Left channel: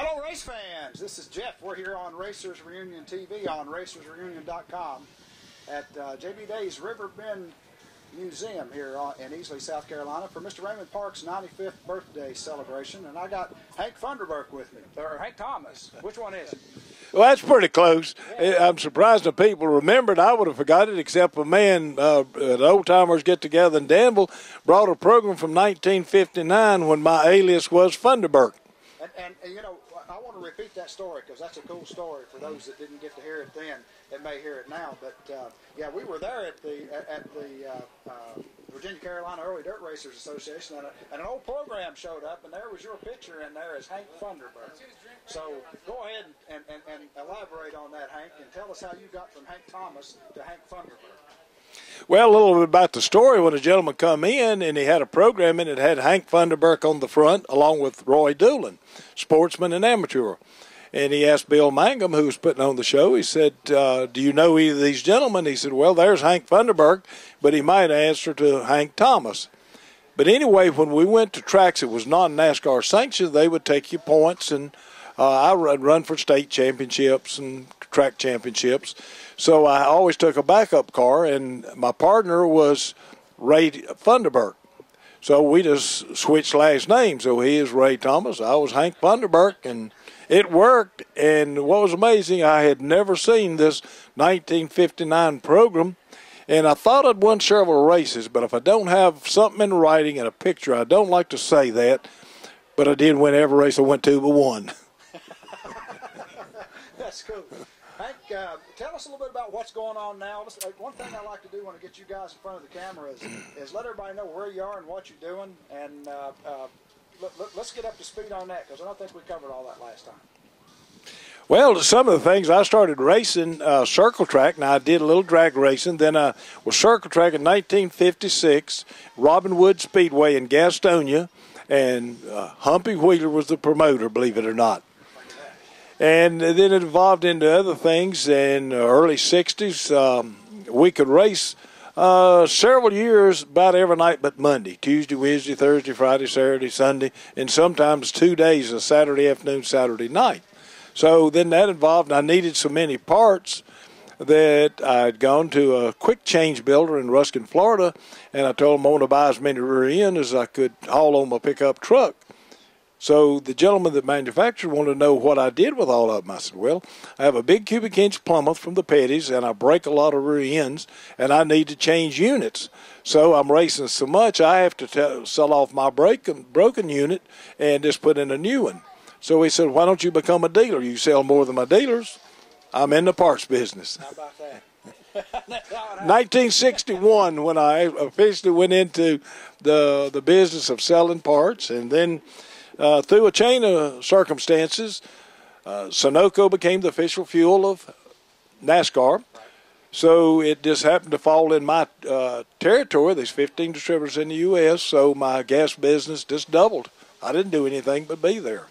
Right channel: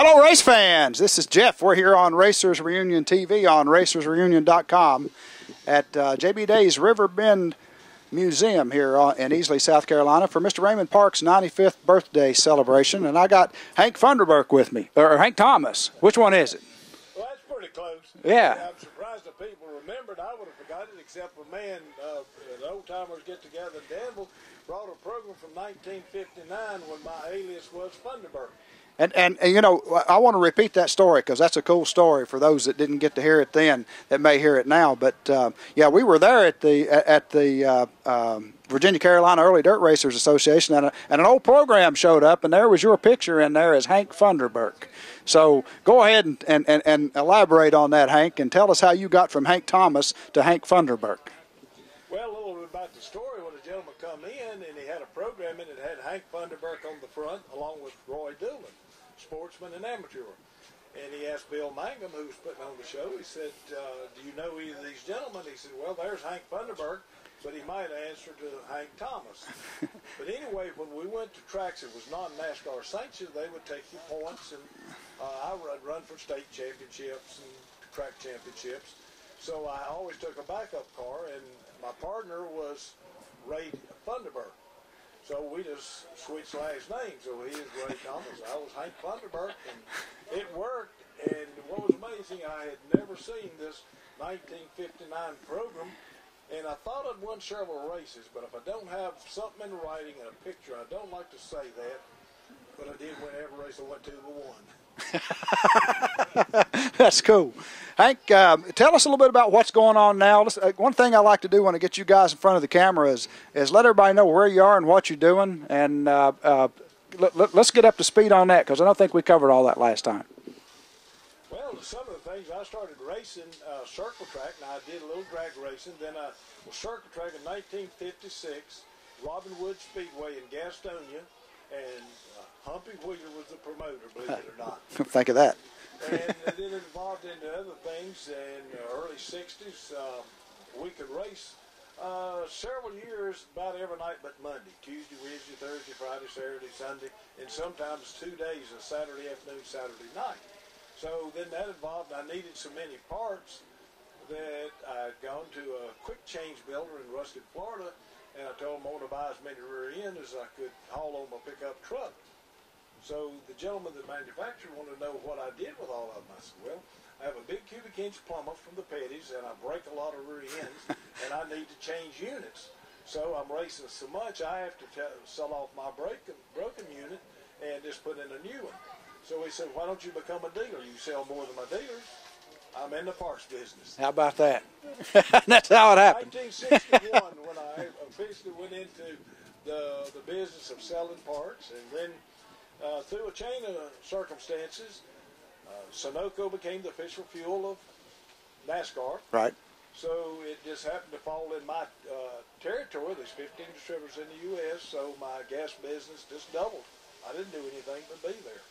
Hello, race fans. This is Jeff. We're here on Racers Reunion TV on racersreunion.com at J.B. Day's Riverbend Museum here in Easley, South Carolina for Mr. Raymond Parks' 95th birthday celebration. And I got Hank Funderburk with me, or Hank Thomas. Which one is it? Well, that's pretty close. Yeah. I'm surprised that people remembered. I would have forgot it, except a man at Old Timers Get Together in Danville brought a program from 1959 when my alias was Funderburk. And you know, I want to repeat that story because that's a cool story for those that didn't get to hear it then that may hear it now. But yeah, we were there at the Virginia Carolina Early Dirt Racers Association, and an old program showed up, and there was your picture in there as Hank Funderburk. So go ahead and elaborate on that, Hank, and tell us how you got from Hank Thomas to Hank Funderburk. Well, a little bit about the story. When a gentleman come in and he had a program and it had Hank Funderburk on the front along with Roy Doolin, sportsman and amateur. And he asked Bill Mangum, who was putting on the show, he said, do you know either of these gentlemen? He said, well, there's Hank Funderburk, but he might answer to Hank Thomas. But anyway, when we went to tracks, it was non-NASCAR sanctioned. They would take you points, and I run for state championships and track championships. So I always took a backup car, and my partner was Ray Funderburk. So we just switched last names. So he is Ray Thomas, I was Hank Funderburk, and it worked. And what was amazing, I had never seen this 1959 program, and I thought I'd won several races, but if I don't have something in writing and a picture, I don't like to say that, but I did win every race I went to but one. That's cool. Hank, tell us a little bit about what's going on now. One thing I like to do when I get you guys in front of the camera is let everybody know where you are and what you're doing, and let's get up to speed on that because I don't think we covered all that last time. Well, some of the things, I started racing circle track. Now, I did a little drag racing. Then I was circle track in 1956, Robin Wood Speedway in Gastonia, and Humpy Wheeler was the promoter, believe it or not. Think of that. And then it evolved into other things. In the early 60s, we could race several years about every night but Monday, Tuesday, Wednesday, Thursday, Friday, Saturday, Sunday, and sometimes 2 days, a Saturday afternoon, Saturday night. So then that involved, I needed so many parts that I'd gone to a quick change builder in Ruskin, Florida, and I told him I wanted to buy as many rear ends as I could haul on my pickup truck. So the gentleman that manufactured wanted to know what I did with all of them. I said, well, I have a big cubic inch Plymouth from the Petties, and I break a lot of rear ends, and I need to change units. So I'm racing so much, I have to sell off my broken unit and just put in a new one. So he said, why don't you become a dealer? You sell more than my dealers. I'm in the parts business. How about that? That's how it happened. 1961, when I officially went into the business of selling parts, and then through a chain of circumstances, Sunoco became the official fuel of NASCAR. Right. So it just happened to fall in my territory. There's 15 distributors in the U.S., so my gas business just doubled. I didn't do anything but be there.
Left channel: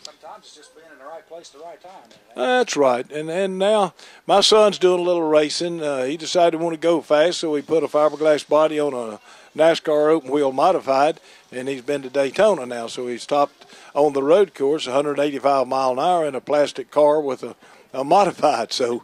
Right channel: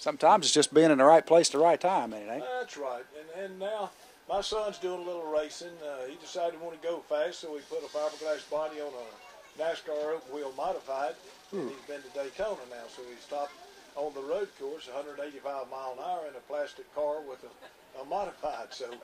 Sometimes it's just being in the right place at the right time. Ain't it? That's right. And now my son's doing a little racing. He decided he wanted to go fast, so he put a fiberglass body on a NASCAR open wheel modified, and he's been to Daytona now. So he stopped on the road course, 185 mile an hour in a plastic car with a modified. So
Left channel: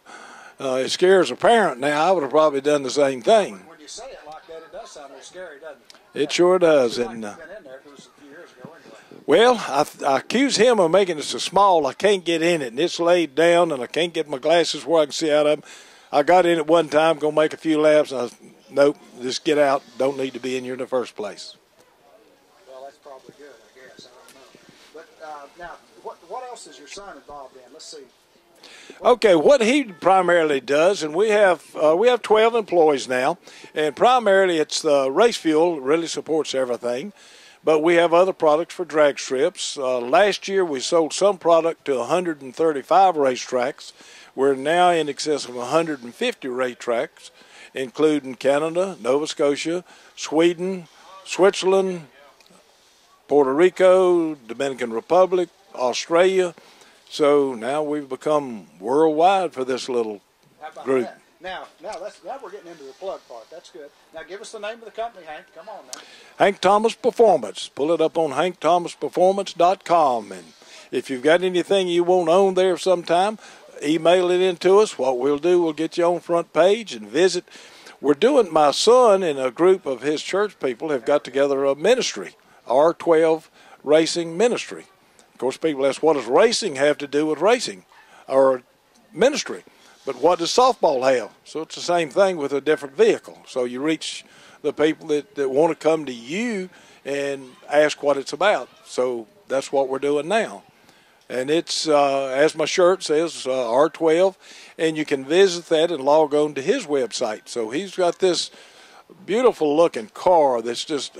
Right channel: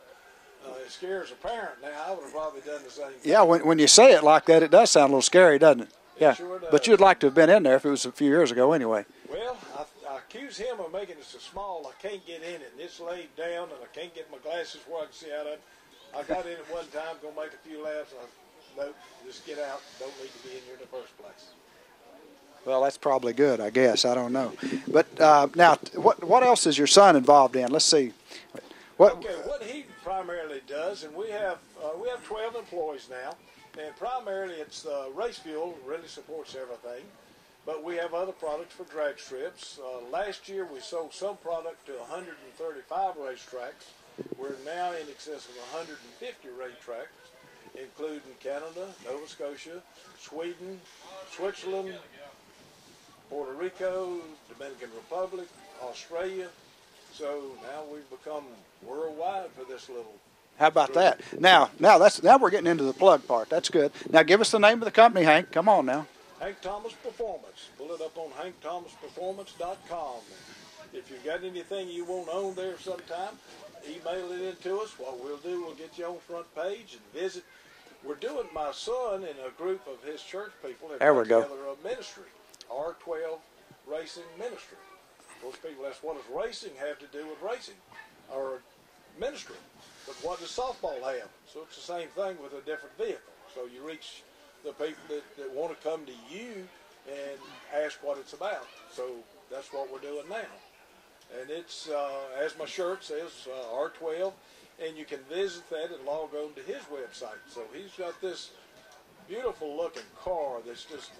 it scares a parent now. I would have probably done the same thing. Yeah, when you say it like that, it does sound a little scary, doesn't it? It sure does. But you'd like to have been in there if it was a few years ago anyway. Well, I accuse him of making it so small I can't get in it, and it's laid down, and I can't get my glasses where I can see out of them. I got in it one time, going to make a few laps, and I was, nope, just get out. Don't need to be in here in the first place. Well, that's probably good, I guess. I don't know. But now, what else is your son involved in? Let's see. Okay, what he primarily does, and we have 12 employees now, and primarily it's the race fuel really supports everything, but we have other products for drag strips. Last year we sold some product to 135 racetracks. We're now in excess of 150 racetracks, including Canada, Nova Scotia, Sweden, Switzerland, Puerto Rico, Dominican Republic, Australia. So now we've become worldwide for this little How about group. that? Now we're getting into the plug part. That's good. Now give us the name of the company, Hank. Come on now. Hank Thomas Performance. Pull it up on hankthomasperformance.com. And If you've got anything you want on there sometime, email it in to us. What we'll do, we'll get you on front page and visit. We're doing, my son and a group of his church people have got together a ministry, R12 Racing Ministry. Of course, people ask, what does racing have to do with racing or ministry? But what does softball have? So it's the same thing with a different vehicle. So you reach the people that want to come to you and ask what it's about. So that's what we're doing now. And it's, as my shirt says, R12, and you can visit that and log on to his website. So he's got this beautiful-looking car that's just,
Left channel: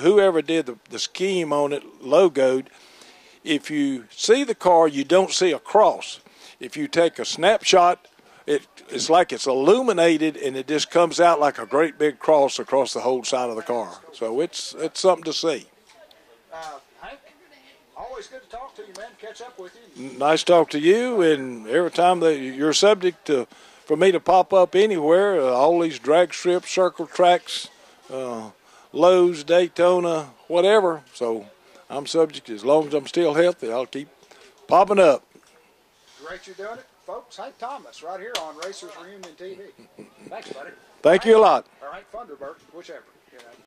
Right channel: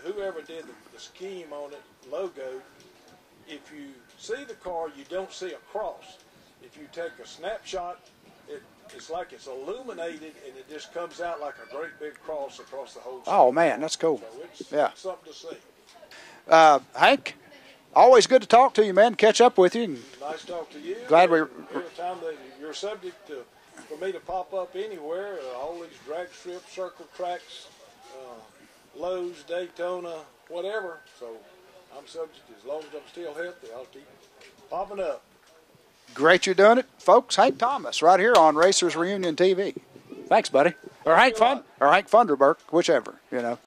whoever did the scheme on it, logoed. If you see the car, you don't see a cross. If you take a snapshot, it's like it's illuminated, and it just comes out like a great big cross across the whole side of the car. Oh, man, that's cool. So it's something to see. Hank, always good to talk to you, man, catch up with you. Nice to talk to you. And every time you're subject for me to pop up anywhere, all these drag strips, circle tracks, Lowe's, Daytona, whatever. So I'm subject. As long as I'm still healthy, I'll keep popping up. Great you're doing it, folks. Hank Thomas right here on Racers Reunion TV. Thanks, buddy. Thank you a lot. Or Hank Funderburk, whichever, you know.